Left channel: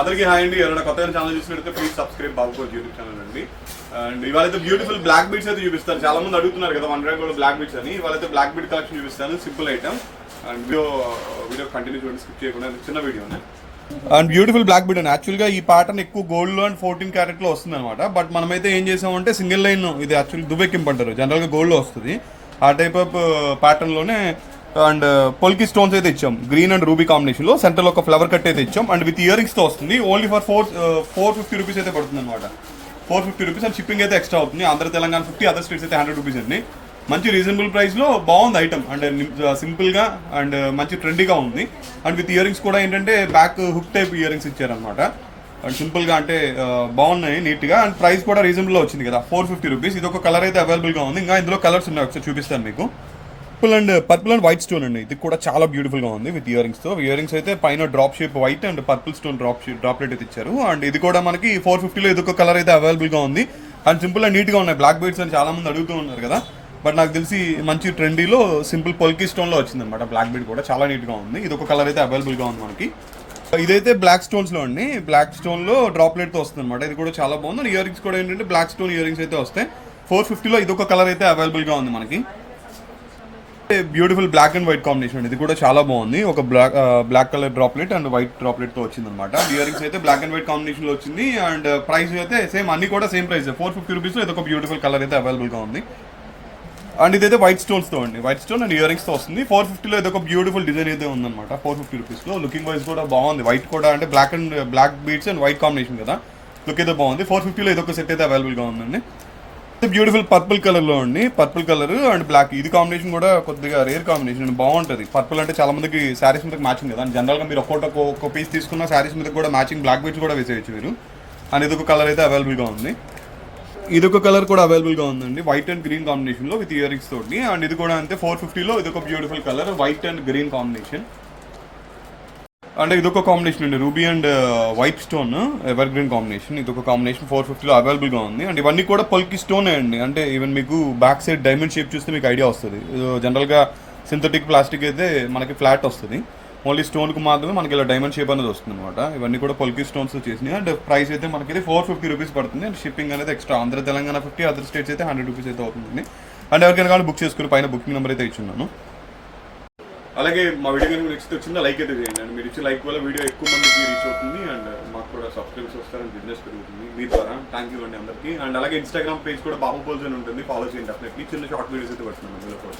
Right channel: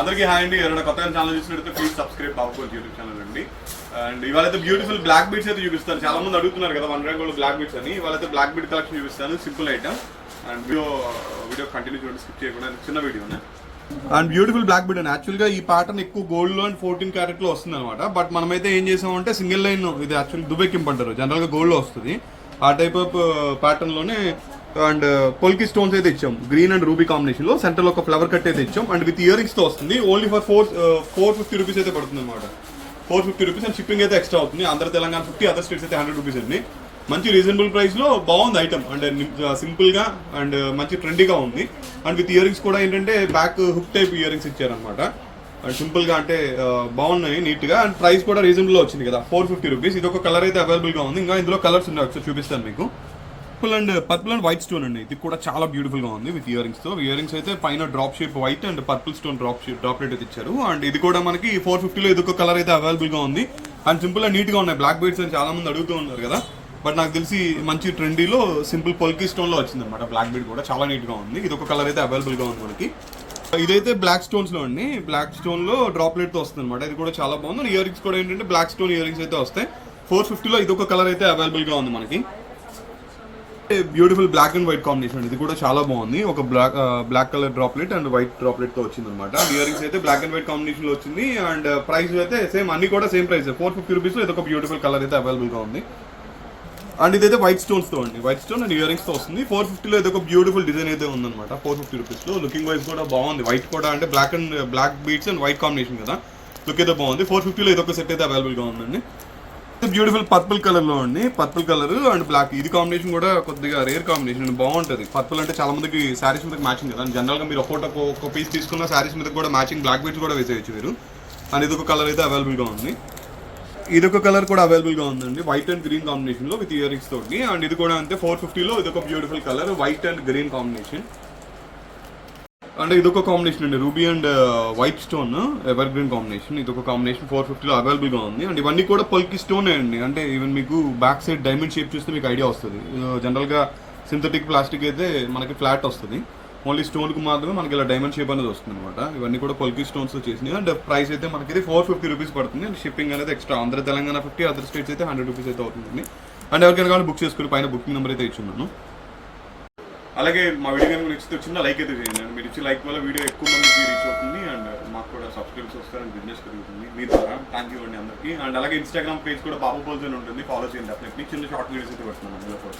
అందరికీ హాయ్ అండి. ఎవరైనా కొత్తగా ఛానల్ చూసినట్లయితే ప్లీజ్ సబ్స్క్రైబ్ బాబుకోల్ యూట్యూబ్ ఛానల్ అండి. అండ్ ఇవాళైతే బ్యూటిఫుల్ బ్లాక్ బీడ్స్ అయితే చూపిస్తాను. చాలా మంది అడుగుతున్నారు కదా 1 గ్రామ్ గోల్డ్ బ్లాక్ బీడ్స్ అని. ఇవాళైతే బ్లాక్ బీడ్ కలెక్షన్ చూపిస్తాను. Simple item. And video continue చూడండి, స్కిప్ చేయకుండా. చిన్న వీడియోనే. అండ్ బ్యూటిఫుల్ బ్లాక్ బీడ్ అని యాక్చువల్గా ఈ ప్యాటర్న్ ఎక్కువ గోల్డ్ లో అండ్ 14 క్యారెట్ లో వస్తుంది అనమాట. బట్ మనమైతే ఏం చేసామంటే సింగిల్ లైన్, ఇది యాక్చువల్లీ దుబెక్కింపు అంటారు, జనరల్ గా గోల్డ్ లో వస్తుంది. ఆ టైప్ ఆఫ్ ప్యాటర్న్ లోనే అండ్ పొల్కి స్టోన్స్ అయితే ఇచ్చాం, గ్రీన్ అండ్ రూబీ కాంబినేషన్ లో. సెంటర్ లో ఒక ఫ్లవర్ కట్ అయితే ఇచ్చాం. అండ్ విత్ ఇయర్ రింగ్స్ తో వస్తుంది. ఓన్లీ ఫర్ 450 రూపీస్ అయితే పడుతుంది అనమాట. 450 రూపీస్. అండ్ షిప్పింగ్ అయితే ఎక్స్ట్రా అవుతుంది. ఆంధ్ర తెలంగాణ 50, అదర్ స్టేట్స్ అయితే 100 రూపీస్ అండి. మంచి రీజనబుల్ ప్రైస్ లో బాగుంది ఐటమ్. అండ్ సింపుల్ గా అండ్ మంచి ట్రెండీగా ఉంది. అండ్ విత్ ఇయర్ రింగ్స్ కూడా ఏంటంటే back hook type ear rings ఇచ్చారనమాట. అండ్ సింపుల్ గా అంటే బాగున్నాయి నీట్ గా. అండ్ ప్రైస్ కూడా రీజనబుల్ వచ్చింది కదా, 450 రూపీస్. ఇది ఒక కలర్ అయితే అవైలబుల్ గా ఉంది. ఇంకా ఇందులో కలర్స్ ఉన్నాయి, ఒకసారి చూపిస్తాను మీకు. పర్పుల్ అండ్ వైట్ స్టోన్ అండి. ఇది కూడా చాలా బ్యూటిఫుల్ గా ఉంది విత్ ఇయర్ రింగ్స్ తో. ఇయర్ రింగ్స్ అయితే పైన drop shape white and purple stone droplet అయితే ఇచ్చారు. అండ్ ఇది కూడా మనకి 450 లో ఇది ఒక కలర్ అయితే అవైలబుల్ గా ఉంది. అండ్ సింపుల్ గా నీట్ గా ఉన్నాయి. బ్లాక్ బీడ్స్ అని చాలా మంది అడుగుతూ ఉన్నారు కదా, బట్ నాకు తెలిసి మంచి ట్రెండీలో సింపుల్ పొల్కి స్టోన్ లో వచ్చింది అనమాట. బ్లాక్ బీడ్ కూడా చాలా నీట్ గా ఉంది. ఇది ఒక కలర్ అయితే అవైలబుల్ గా ఉంది మనకి. ఇదైతే బ్లాక్ స్టోన్స్ లో అండి. బ్లాక్ స్టోన్ లో డ్రాప్లెట్ తో వస్తుంది అనమాట. ఇది కూడా చాలా బాగుంది. ఇయర్ రింగ్స్ కూడా ఏంటంటే బ్లాక్ స్టోన్ ఇయర్ రింగ్స్ అయితే వస్తాయి. 450 లో ఇది ఒక కలర్ అయితే అవైలబుల్ గా ఉంది మనకి. Beautiful black and white combination. ఇది కూడా చాలా బాగుంది. ఒక black colour droplet and white droplet తో వచ్చింది అనమాట. ఇయర్ రింగ్స్ అయితే బ్లాక్ అండ్ వైట్ కాంబినేషన్ లో వచ్చింది. అండ్ ప్రైస్ అయితే సేమ్, అన్ని కూడా సేమ్ ప్రైస్ 450 రూపీస్ లో ఇది ఒక బ్యూటిఫుల్ కలర్ అయితే అవైలబుల్ గా ఉంది. అండ్ ఇదైతే వైట్ స్టోన్స్ తో అండి, white stone and ear rings తో వస్తుంది. 450 లో ఇది ఒక బ్యూటిఫుల్ డిజైన్ అయితే ఉందన్నమాట. 450 రూపీస్ లో లుకింగ్ వైజ్ కూడా బాగుంది. వైట్ కూడా అంటే black beads and white combination కదా, లుక్ అయితే బాగుంది. 450 లో ఇది ఒక సెట్ అయితే అవైలబుల్ గా ఉందండి. బ్యూటిఫుల్ పర్పుల్ కలర్ లో అండి. పర్పుల్ కలర్ అండ్ బ్లాక్, ఇది కాంబినేషన్ కూడా కొద్దిగా రేర్ కాంబినేషన్, బాగుంటుంది. పర్పుల్ అంటే చాలా మందికి శారీస్ మీద మ్యాచింగ్ కదా. జనరల్ గా మీరు ఒక్కొక్క పీస్ తీసుకున్న శారీస్ మీద కూడా మ్యాచింగ్ బ్లాక్ బీడ్స్ కూడా వేసేయచ్చు మీరు. అండ్ ఇది ఒక కలర్ అయితే అవైలబుల్ గా ఉంది. ఇది ఒక కలర్ కూడా అవైలబుల్ గా ఉందండి, వైట్ అండ్ గ్రీన్ కాంబినేషన్ లో విత్ ఇయర్ రింగ్స్ తోటి. అండ్ ఇది కూడా అంతే 450 లో ఇది ఒక beautiful colour, white and green combination. అంటే ఇదొక కాంబినేషన్ అండి, ruby and white stone ever green combination. ఇదొక కాంబినేషన్ 450 లో అవైలబుల్ గా ఉంది. అండ్ ఇవన్నీ కూడా పొల్కి స్టోన్ అండి. అంటే ఈవెన్ మీకు బ్యాక్ సైడ్ డైమండ్ షేప్ చూస్తే మీకు ఐడియా వస్తుంది. జనరల్ గా సింథటిక్ ప్లాస్టిక్ అయితే మనకి ఫ్లాట్ వస్తుంది, ఓన్లీ స్టోన్ కు మాత్రమే మనకి ఇలా డైమండ్ షేప్ అనేది వస్తుంది అనమాట. ఇవన్నీ కూడా పొల్కి స్టోన్స్ చేసినాయి. అండ్ ప్రైస్ అయితే మనకి 450 రూపీస్ పడుతుంది. అండ్ షిప్పింగ్ అనేది extra, Andhra Telangana 50, other states అయితే 100 రూపీస్ అయితే అవుతుంది. అండ్ ఎవరికైనా కానీ బుక్ చేసుకుని పైన బుకింగ్ నెంబర్ అయితే ఇచ్చున్నాను. అలాగే మా వీడియో కనుక నెక్స్ట్ వచ్చిందో లైక్ అయితే చేయండి. అండ్ మీరు ఇచ్చే లైక్ వల్ల వీడియో ఎక్కువ మందికి రీచ్ అవుతుంది. అండ్ మాకు కూడా సబ్స్క్రైబ్స్ వస్తారని బిజినెస్ పెరుగుతుంది మీ ద్వారా. థ్యాంక్ యూ అండి అందరికీ. అండ్ అలాగే ఇన్స్టాగ్రామ్ పేజ్ కూడా బాహుపోల్స్ అని ఉంటుంది, ఫాలో చేయండి డెఫినెట్లీ. చిన్న షార్ట్ వీడియోస్ అయితే పెడుతున్నాను అందులో.